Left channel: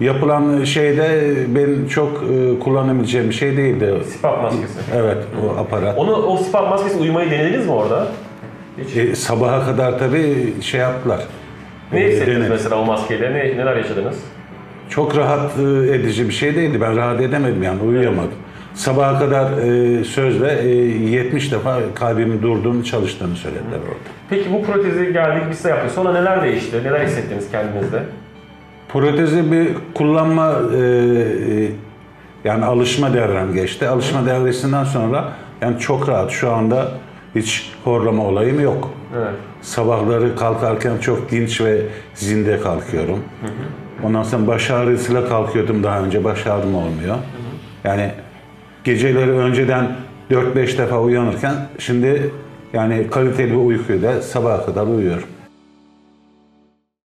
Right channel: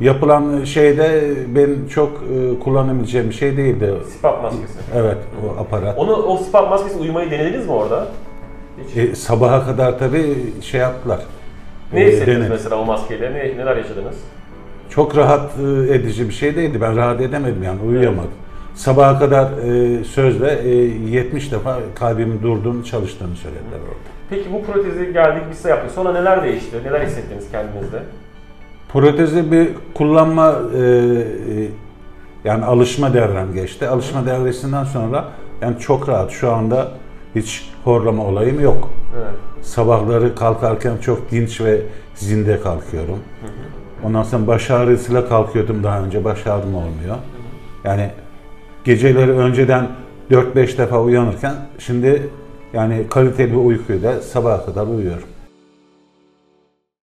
yapılan şeyde ben çok kullanabileceğim bir şey değildi. CPAP maskesi. Evet, o aparat. O CPAP maskesi uyumayı denediniz mi orada? Sabaha kadar tabii şey yaptılar. Ne hissettiniz mesela o maskeyle? Neler yaşadınız? Çok rahat edici bir şey değildi. Ben rahat edemedim yani, uyuyamadım. Sabaha kadar sözle 70 defa kalbimin durduğunu, çalıştığını söylediler orada. Peki bu protezi geldik, biz de yaptık. Sonra neler değişti? Neler hissettiniz kendinizde? Protezi bir kullanma, yani alışma devrem geçti. Alışma devresinden sonra yani çok rahat. Şu anda hiç horlama olayım yok. Evet. Sabahları kalkarken çok dinç ve zinde kalkıyorum. Ondan sonra baş ağrısıyla kalkıyordum daha önce. Baş ağrım olmuyor. Yani geceleri önceden 4-5 defa uyanırken şimdi yani kaliteli bir uykuyla sabaha kadar uyuyorum.